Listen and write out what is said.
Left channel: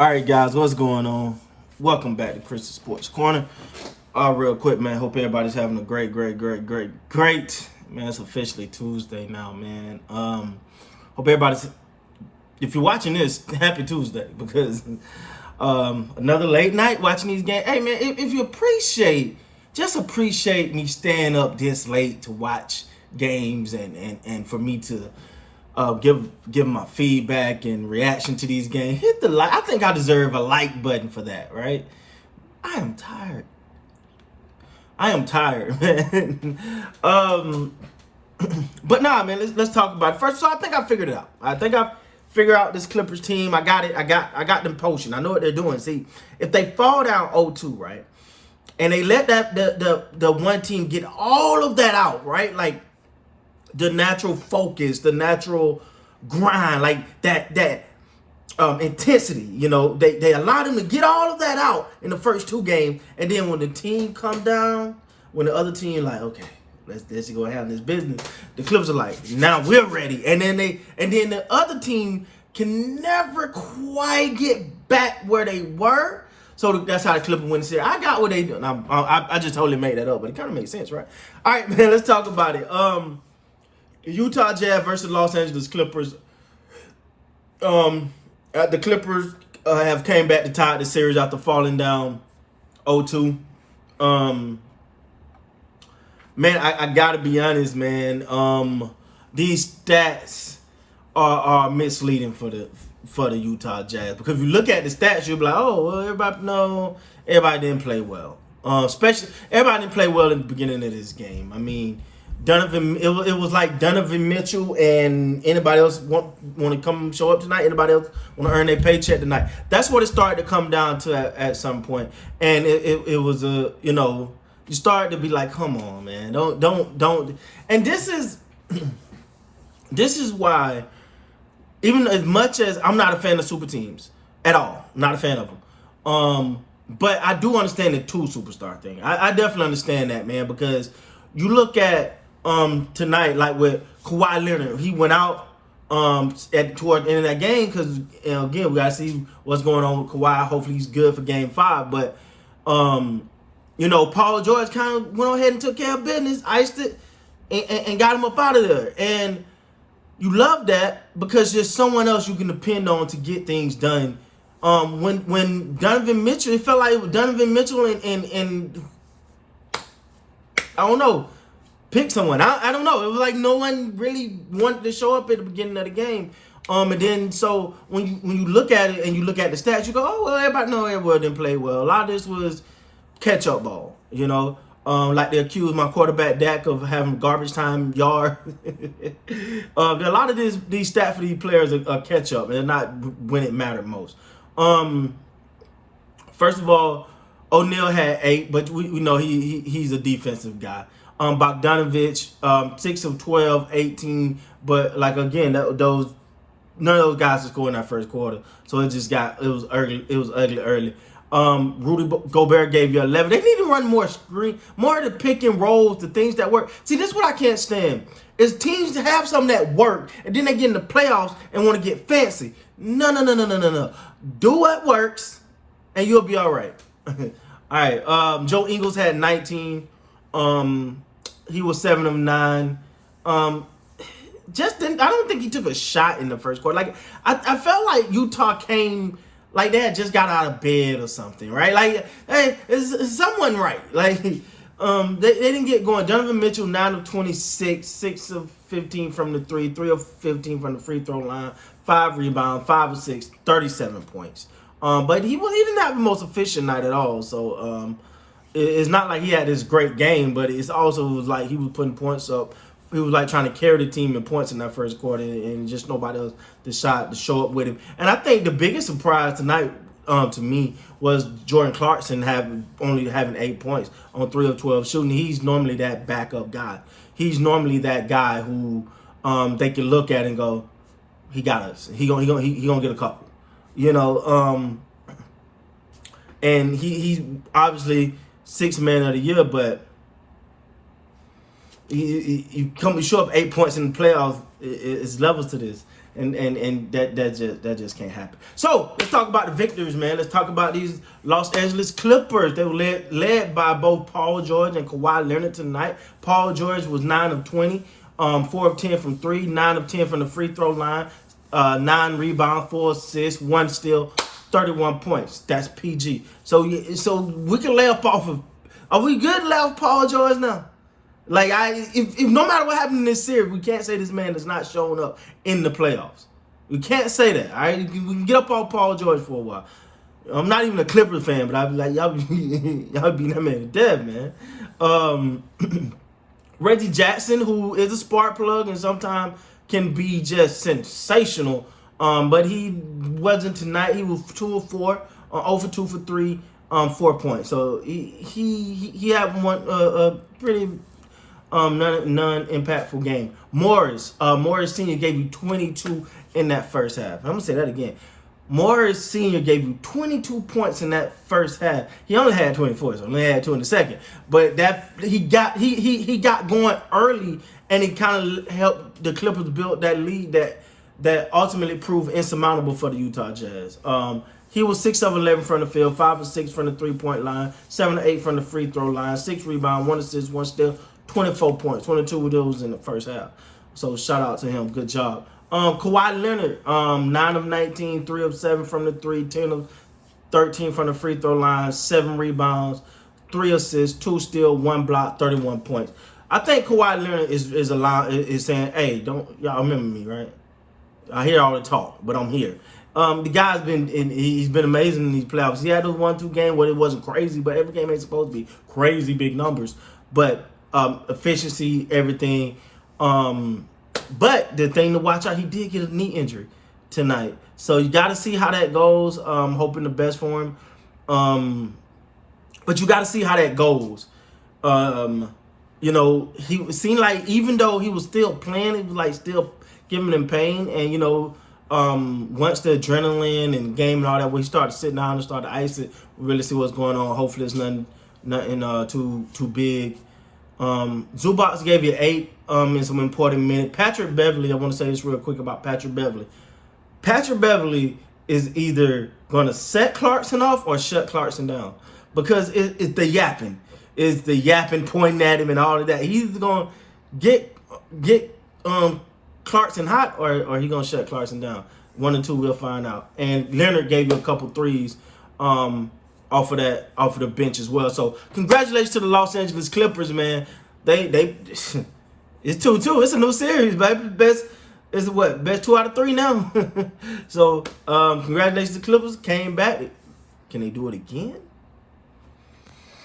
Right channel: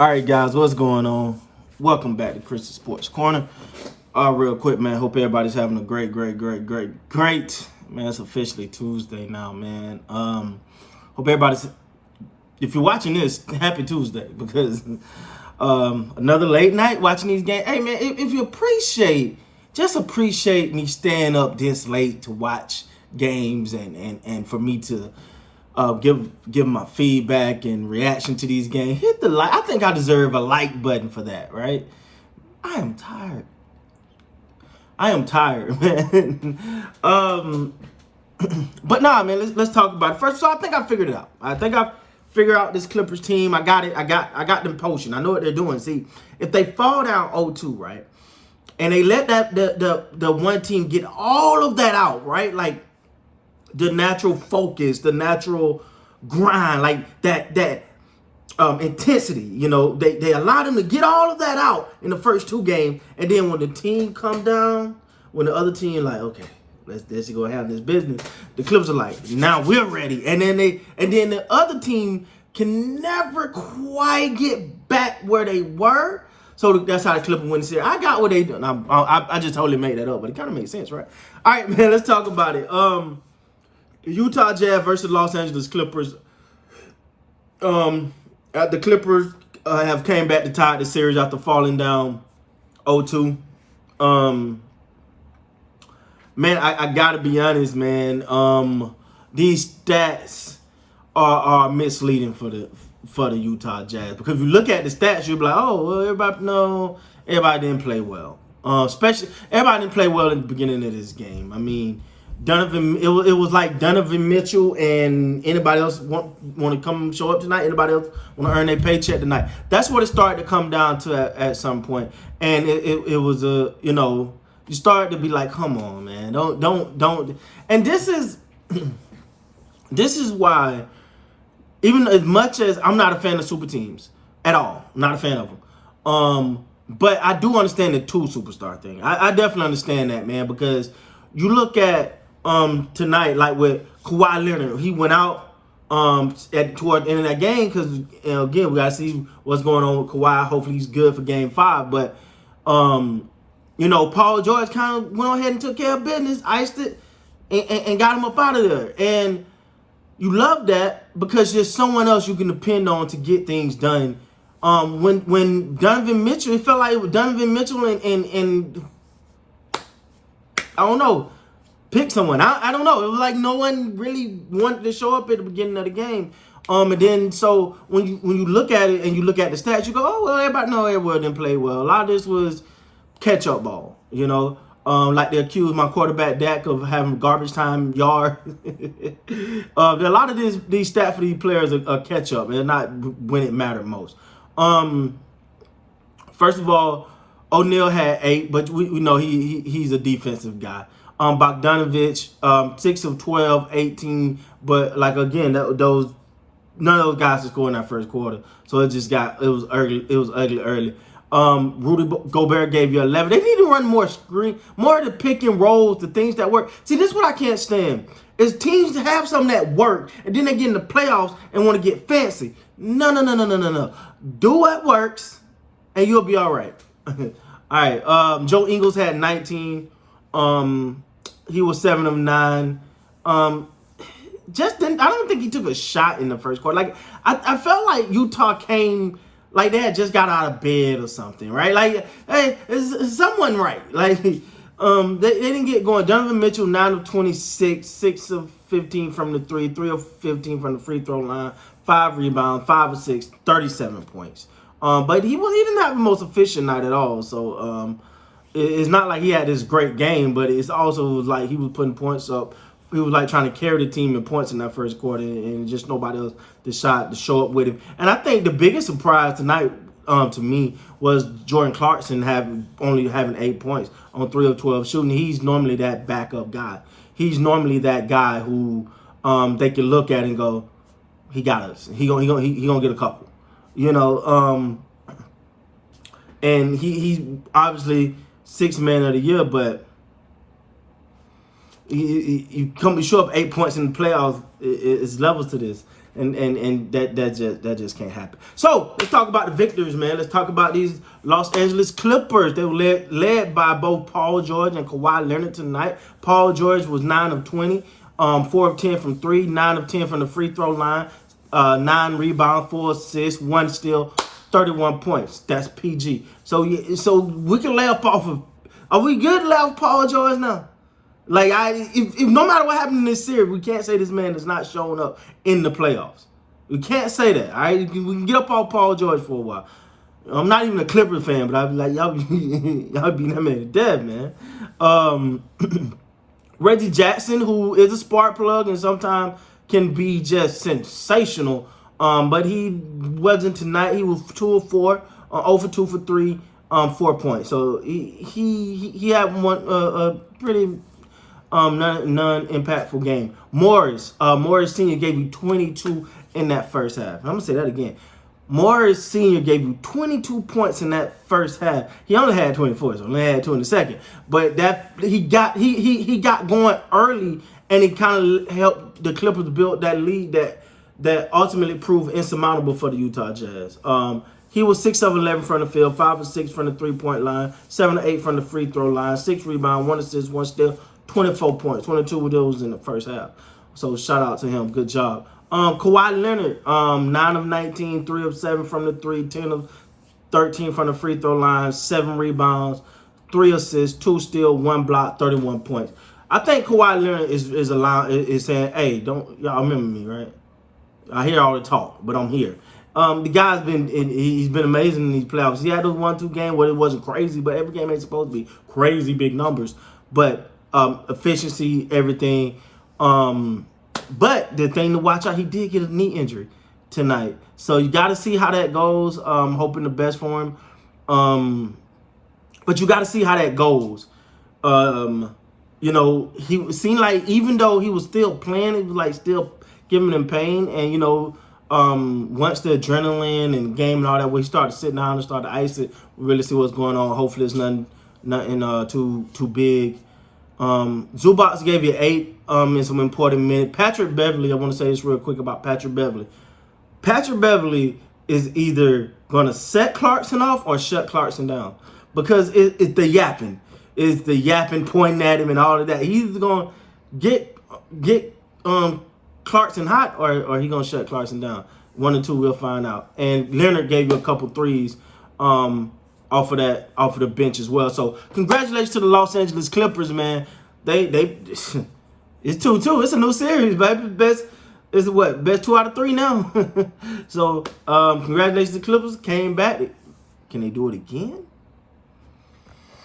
All right, guys, what's going on? Welcome back to Christian Sports Corner. Real quick, man. Hope everybody's having a great. Man, it's officially Tuesday now, man. Hope everybody's. If you're watching this, happy Tuesday because another late night watching these games. Hey, man, if you just appreciate me staying up this late to watch games and for me to give my feedback and reaction to these games. Hit the like. I think I deserve a like button for that, right? I am tired. Man. But nah, man. Let's talk about it first. So I think I figured it out. I think I figured out this Clippers team. I got it. I got them potion. I know what they're doing. See, if they fall down 0-2, right, and they let the one team get all of that out, right, like the natural focus, the natural grind, like that intensity. You know, they allow them to get all of that out in the first two games, and then when the team come down, when the other team like, okay, let's go handle this business, the Clippers are like, now we're ready, and then the other team can never quite get back where they were. So that's how the Clippers win the series. I got what they do. I just totally made that up, but it kind of makes sense, right? All right, man, let's talk about it. Utah Jazz versus Los Angeles Clippers. The Clippers have came back to tie the series after falling down 0-2. Man, I gotta be honest, man. These stats are misleading for the Utah Jazz, because if you look at the stats, you'll be like, oh, well, everybody didn't play well. Especially everybody didn't play well in the beginning of this game. I mean, it was like Donovan Mitchell and anybody else want to come show up tonight. Anybody else want to earn their paycheck tonight? That's what it started to come down to at some point. And it was you started to be like, come on, man, don't. And this is why, even as much as I'm not a fan of super teams at all, I'm not a fan of them. But I do understand the two superstar thing. I definitely understand that, man, because you look at tonight, like with Kawhi Leonard, he went out toward the end of that game because, again, we gotta see what's going on with Kawhi. Hopefully he's good for Game 5. But Paul George kind of went ahead and took care of business, iced it, and got him up out of there. And you love that because there's someone else you can depend on to get things done. When Donovan Mitchell, it felt like it was Donovan Mitchell and I don't know, pick someone. I don't know. It was like no one really wanted to show up at the beginning of the game. And then so when you look at it and you look at the stats, you go, oh, well, everybody didn't play well. A lot of this was catch-up ball, like they accused my quarterback Dak of having garbage time yard. A lot of these stats for these players are catch-up. They're not when it mattered most. First of all, O'Neal had 8, but we know he's a defensive guy. Bogdanovich, 6 of 12, 18, but like again, none of those guys are scoring that first quarter, so it was ugly. Rudy Gobert gave you 11. They need to run more screen, more of the pick and rolls, the things that work. See, this is what I can't stand. Is teams to have something that work, and then they get in the playoffs and want to get fancy. No. Do what works, and you'll be all right. All right. Joe Ingles had 19. He was 7 of 9. I don't think he took a shot in the first quarter. Like I felt like Utah came like they had just got out of bed or something, right? Like, hey, is someone right? Like, they didn't get going. Donovan Mitchell, 9 of 26, 6 of 15 from the 3 of 15 from the free throw line, 5 rebounds, 5 of 6, 37 points. But he didn't have the most efficient night at all. So it's not like he had this great game, but it's also like he was putting points up. He was like trying to carry the team in points in that first quarter, and just nobody else decided to show up with him. And I think the biggest surprise tonight to me was Jordan Clarkson only having 8 points on 3 of 12 shooting. He's normally that backup guy. He's normally that guy who they can look at and go, he got us. He gonna get a couple, And he obviously 6th man of the year, but you show up 8 points in the playoffs. It's levels to this. and that just can't happen. So let's talk about the victors, man. Let's talk about these Los Angeles Clippers. They were led by both Paul George and Kawhi Leonard tonight. Paul George was 9 of 20, 4 of 10 from 3, 9 of 10 from the free throw line, 9 rebounds, 4 assists, 1 steal, 31 points. That's PG. So we can lay off of. Are we good to lay off Paul George now? Like, if no matter what happened in this series, we can't say this man is not showing up in the playoffs. We can't say that, all right? We can get up on Paul George for a while. I'm not even a Clippers fan, but I'd be like, y'all beating that man to death, man. Reggie Jackson, who is a spark plug and sometimes can be just sensational, but he wasn't tonight. He was 2 of 4, 0 for 2 for 3, 4 points. So he had one pretty non-impactful game. Morris Sr. gave you 22 in that first half. I'm gonna say that again. Morris Sr. gave you 22 points in that first half. He only had 24, so only had 2 in the second. But that he got going early, and he kind of helped the Clippers build that lead that ultimately proved insurmountable for the Utah Jazz. He was 6 of 11 from the field, 5 of 6 from the 3-point line, 7 of 8 from the free throw line, 6 rebounds, 1 assist, 1 steal, 24 points, 22 of those in the first half. So shout out to him. Good job. Kawhi Leonard, 9 of 19, 3 of 7 from the 3, 10 of 13 from the free throw line, 7 rebounds, 3 assists, 2 steals, 1 block, 31 points. I think Kawhi Leonard is saying, hey, y'all remember me, right? I hear all the talk, but I'm here. The guy's he's been amazing in these playoffs. He had those 1-2 games where it wasn't crazy, but every game ain't supposed to be crazy big numbers. But efficiency, everything. But the thing to watch out, he did get a knee injury tonight. So you got to see how that goes. Hoping the best for him. But you got to see how that goes. He seemed like even though he was still playing, it was like still giving him pain. And, once the adrenaline and game and all that, when he started sitting down and started to ice it, we really see what's going on. Hopefully it's nothing too big. Zubac gave you 8 in some important minutes. Patrick Beverley, I want to say this real quick about Patrick Beverley. Patrick Beverley is either going to set Clarkson off or shut Clarkson down, because it's the yapping. It's the yapping, pointing at him and all of that. He's going to get Clarkson hot or he going to shut Clarkson down. 1 and 2, we'll find out. And Leonard gave you a couple threes off of the bench as well. So congratulations to the Los Angeles Clippers, man. They it's 2-2. It's a new series, baby. Best 2 out of 3 now. So congratulations to the Clippers. Came back. Can they do it again?